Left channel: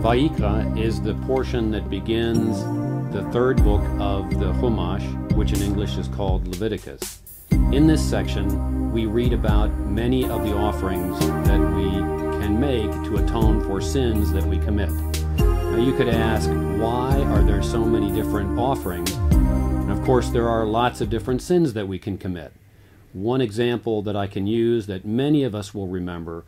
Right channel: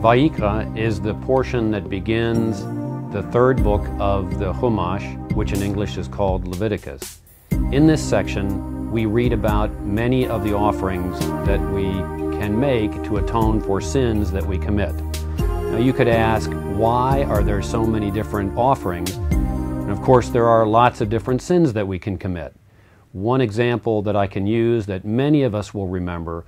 Vayikra is the portion that begins the third book of the Chumash, which in English is called Leviticus. In this section, we read about many of the offerings that we can make to atone for sins that we commit. Now you could ask, why are there so many different offerings? And of course, there are lots of different sins that we can commit. One example that I can use that many of us will remember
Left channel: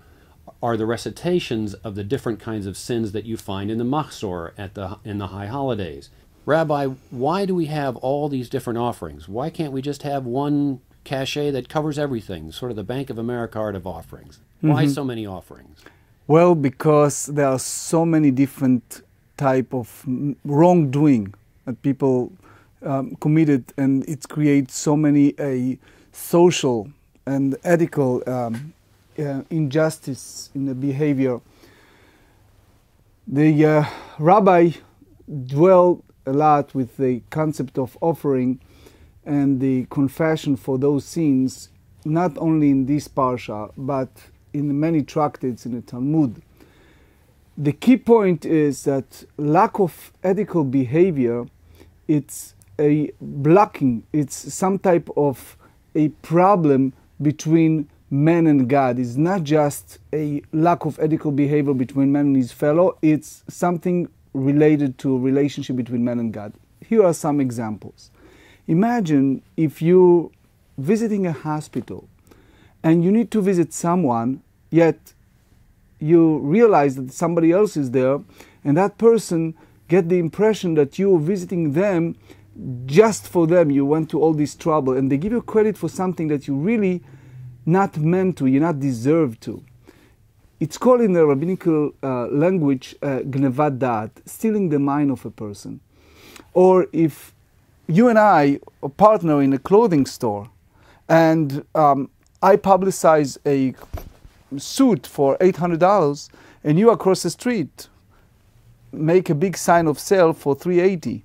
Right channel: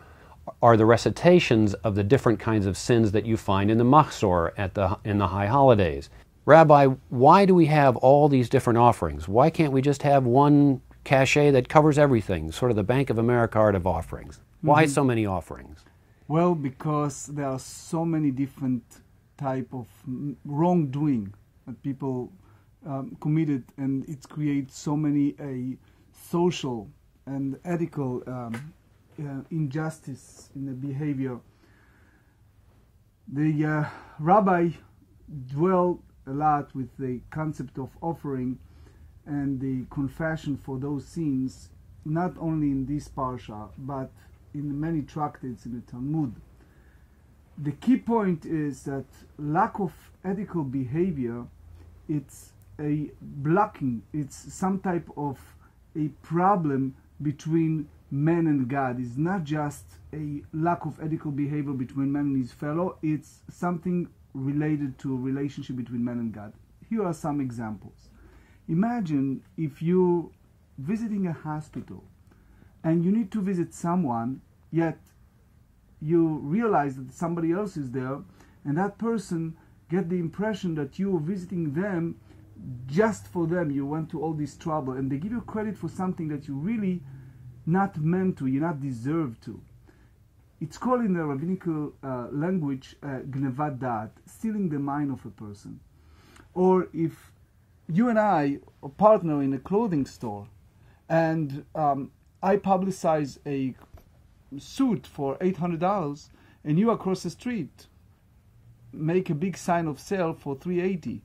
are the recitations of the different kinds of sins that you find in the Machzor in the high holidays. Rabbi, why do we have all these different offerings? Why can't we just have one cachet that covers everything, sort of the Bank of America art of offerings? Why so many offerings? Well, because there are so many different type of wrongdoing that people committed, and it creates so many social and ethical injustice in the behavior. The rabbi dwelled a lot with the concept of offering and the confession for those sins, not only in this parsha, but in many tractates in the Talmud. The key point is that lack of ethical behavior, it's a blocking, it's some type of a problem between man and God. It's not just a lack of ethical behavior between man and his fellow, it's something related to a relationship between man and God. Here are some examples. Imagine if you're visiting a hospital and you need to visit someone, yet you realize that somebody else is there, and that person get the impression that you're visiting them just for them. You went to all this trouble, and they give you credit for something that you really not meant to, you're not deserved to. It's called in the rabbinical language gnevat da'at, stealing the mind of a person. Or if you and I are partner in a clothing store, and I publicize a suit for $800, and you across the street make a big sign of sale for $380.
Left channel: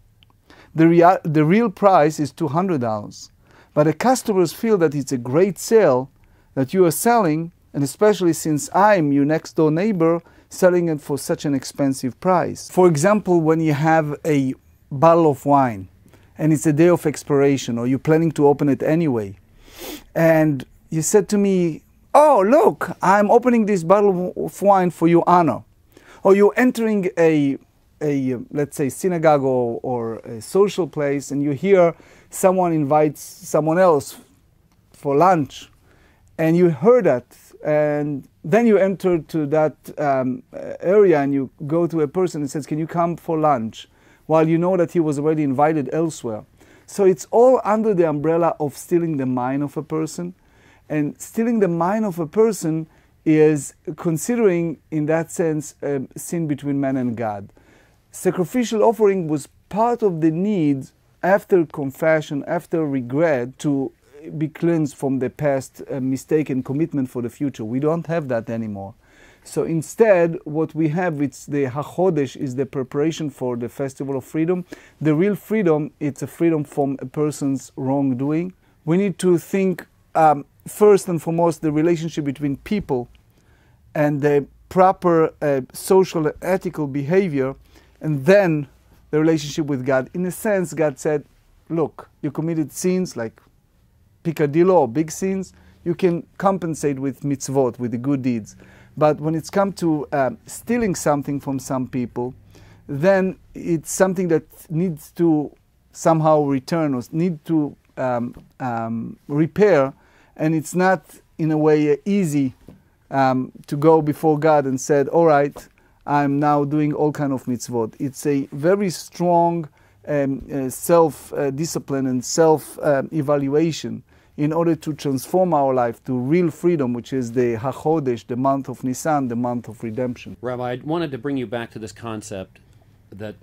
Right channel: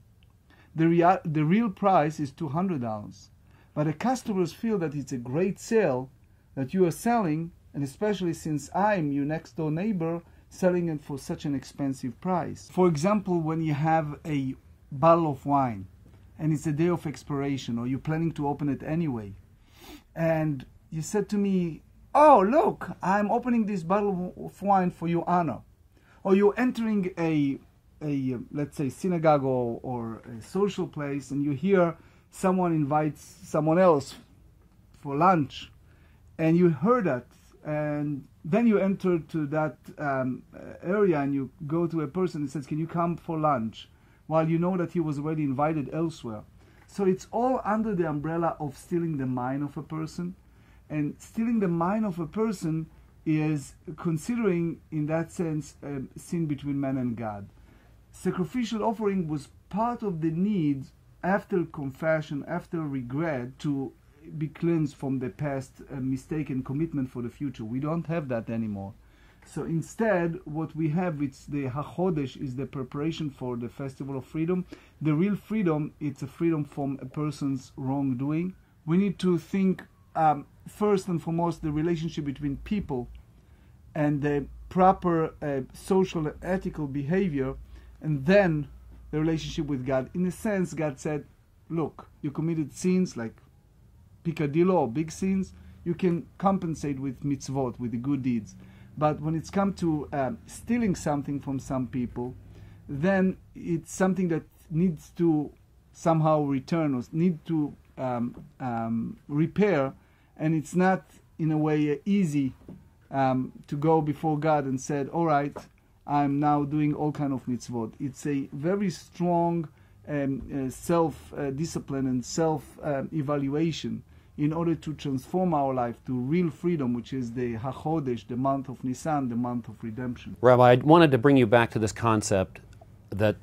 The real price is $200. But the customers feel that it's a great sale that you are selling, and especially since I'm your next door neighbor, selling it for such an expensive price. For example, when you have a bottle of wine and it's a day of expiration, or you're planning to open it anyway, and you said to me, "Oh, look, I'm opening this bottle of wine for your honor." Or you're entering a let's say synagogue or a social place, and you hear someone invites someone else for lunch, and you heard that, and then you enter to that area and you go to a person and says, "Can you come for lunch?" while you know that he was already invited elsewhere. So it's all under the umbrella of stealing the mind of a person. And stealing the mind of a person is considering, in that sense, sin between man and God. Sacrificial offering was part of the need after confession, after regret, to be cleansed from the past mistake and commitment for the future. We don't have that anymore. So instead, what we have, it's the HaChodesh, is the preparation for the Festival of Freedom. The real freedom, it's a freedom from a person's wrongdoing. We need to think first and foremost the relationship between people and the proper social and ethical behavior, and then the relationship with God. In a sense, God said, look, you committed sins like picadillo or big sins, you can compensate with mitzvot, with the good deeds. But when it's come to stealing something from some people, then it's something that needs to somehow return or need to repair, and it's not in a way easy to go before God and said, all right, I'm now doing all kind of mitzvot. It's a very strong self-discipline and self-evaluation in order to transform our life to real freedom, which is the HaChodesh, the month of Nisan, the month of redemption. Rabbi, I wanted to bring you back to this concept that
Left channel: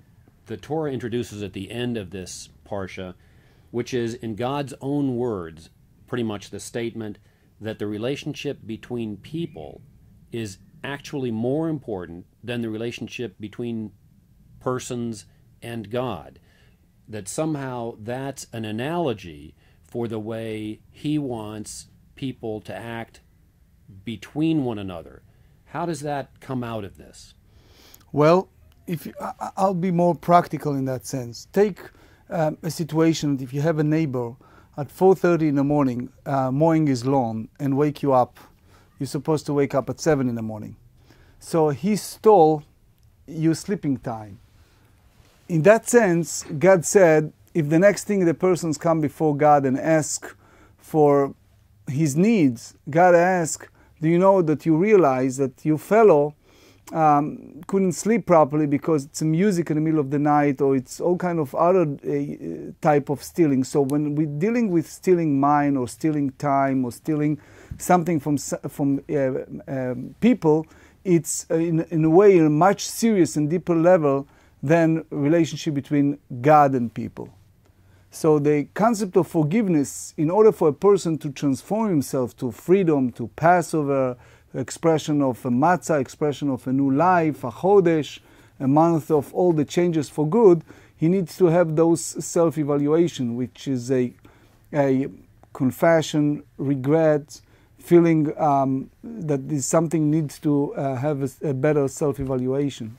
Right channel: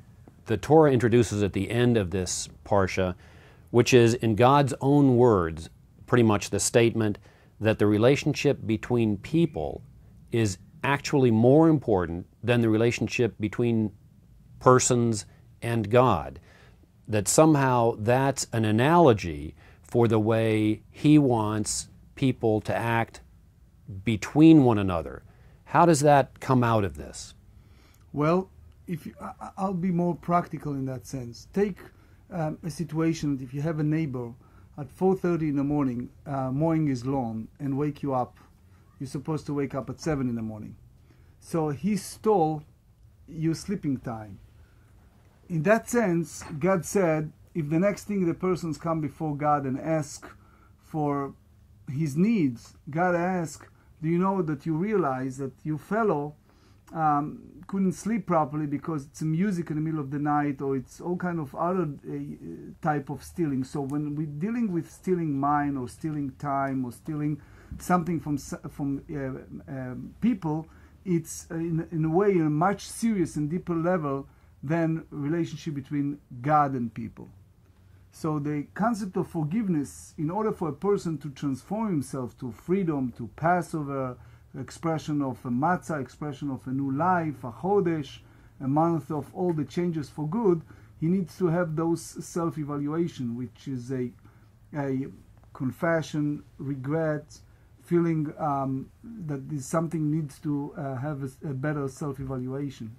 the Torah introduces at the end of this Parsha, which is, in God's own words, pretty much the statement that the relationship between people is actually more important than the relationship between persons and God. That somehow that's an analogy for the way He wants people to act between one another. How does that come out of this? Well, I'll be more practical in that sense. Take a situation, if you have a neighbor at 4:30 in the morning mowing his lawn and wake you up. You're supposed to wake up at 7 in the morning. So he stole your sleeping time. In that sense, God said, if the next thing the persons come before God and ask for his needs, God asks, do you know that you realize that your fellow couldn't sleep properly because it's music in the middle of the night, or it's all kind of other type of stealing. So when we're dealing with stealing mind or stealing time or stealing something from people, it's in a way a much serious and deeper level than relationship between God and people. So the concept of forgiveness, in order for a person to transform himself to freedom, to Passover, expression of a matzah, expression of a new life, a chodesh, a month of all the changes for good, he needs to have those self-evaluation, which is a confession, regret, feeling that something needs to have a better self-evaluation.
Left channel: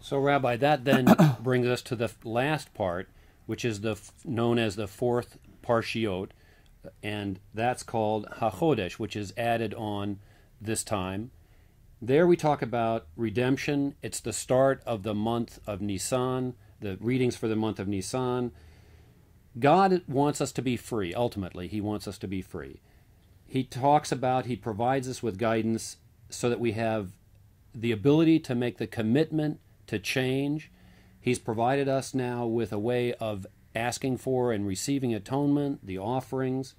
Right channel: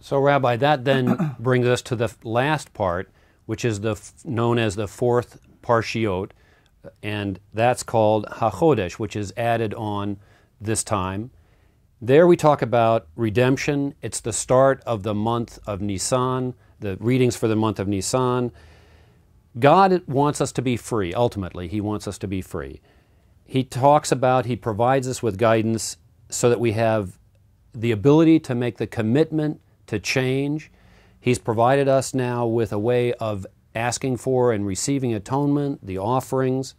So, Rabbi, that then brings us to the last part, which is known as the fourth Parshiot, and that's called HaChodesh, which is added on this time. There we talk about redemption. It's the start of the month of Nisan, the readings for the month of Nisan. God wants us to be free, ultimately. He wants us to be free. He provides us with guidance so that we have the ability to make the commitment to change. He's provided us now with a way of asking for and receiving atonement, the offerings.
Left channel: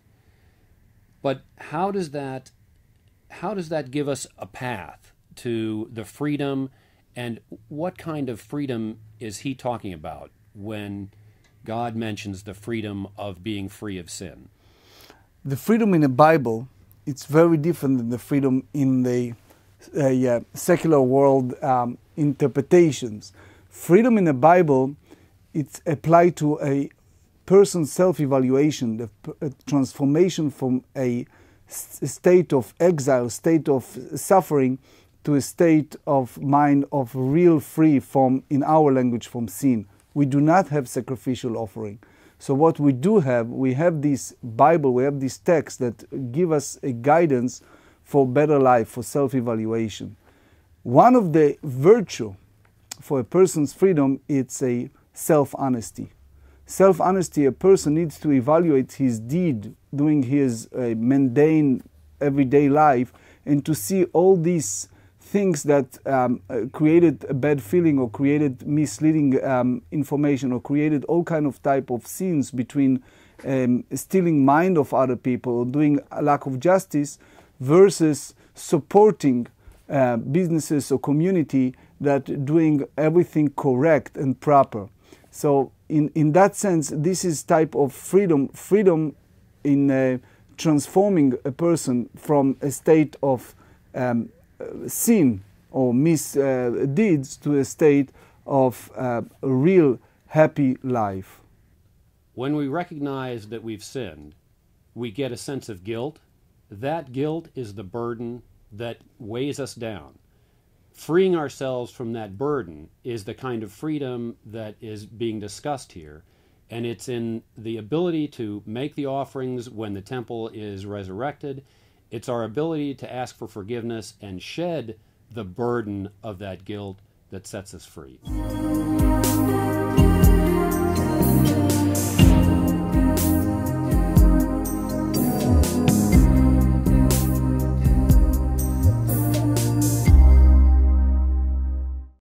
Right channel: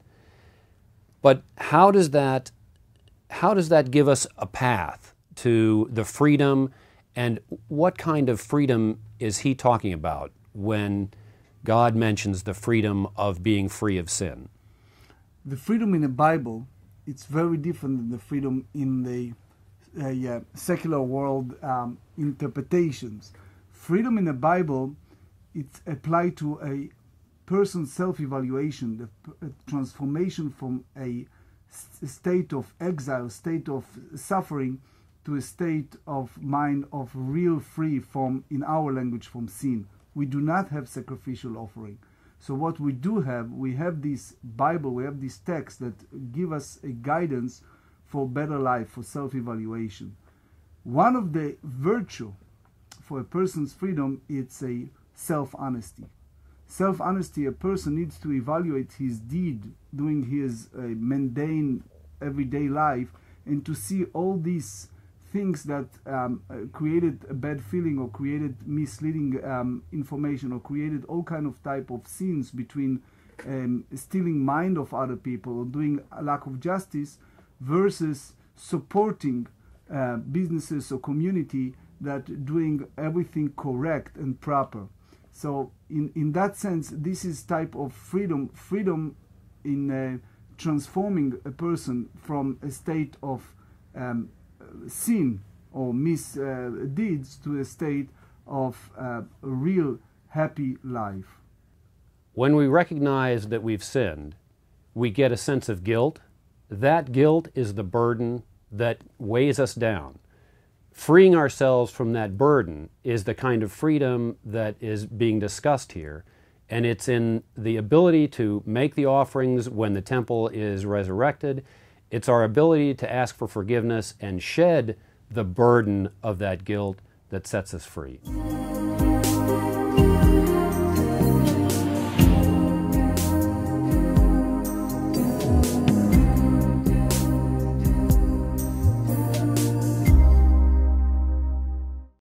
But how does that give us a path to the freedom, and what kind of freedom is he talking about when God mentions the freedom of being free of sin? The freedom in the Bible, it's very different than the freedom in the secular world interpretations. Freedom in the Bible, it's applied to a person's self-evaluation, the transformation from a state of exile, state of suffering, to a state of mind of real free from, in our language, from sin. We do not have sacrificial offering. So what we do have, we have this Bible, we have this text that give us a guidance for better life, for self-evaluation. One of the virtue for a person's freedom, it's a self-honesty. Self-honesty, a person needs to evaluate his deed, doing his mundane, everyday life, and to see all these things that created a bad feeling or created misleading information or created all kind of type of sins between stealing mind of other people or doing a lack of justice versus supporting businesses or community that doing everything correct and proper. So in that sense, this is type of freedom in transforming a person from a state of sin or misdeeds to a state of a real happy life. When we recognize that we've sinned, we get a sense of guilt. That guilt is the burden that weighs us down. Freeing ourselves from that burden is the kind of freedom that is being discussed here, and it's in the ability to make the offerings when the temple is resurrected. It's our ability to ask for forgiveness and shed the burden of that guilt that sets us free.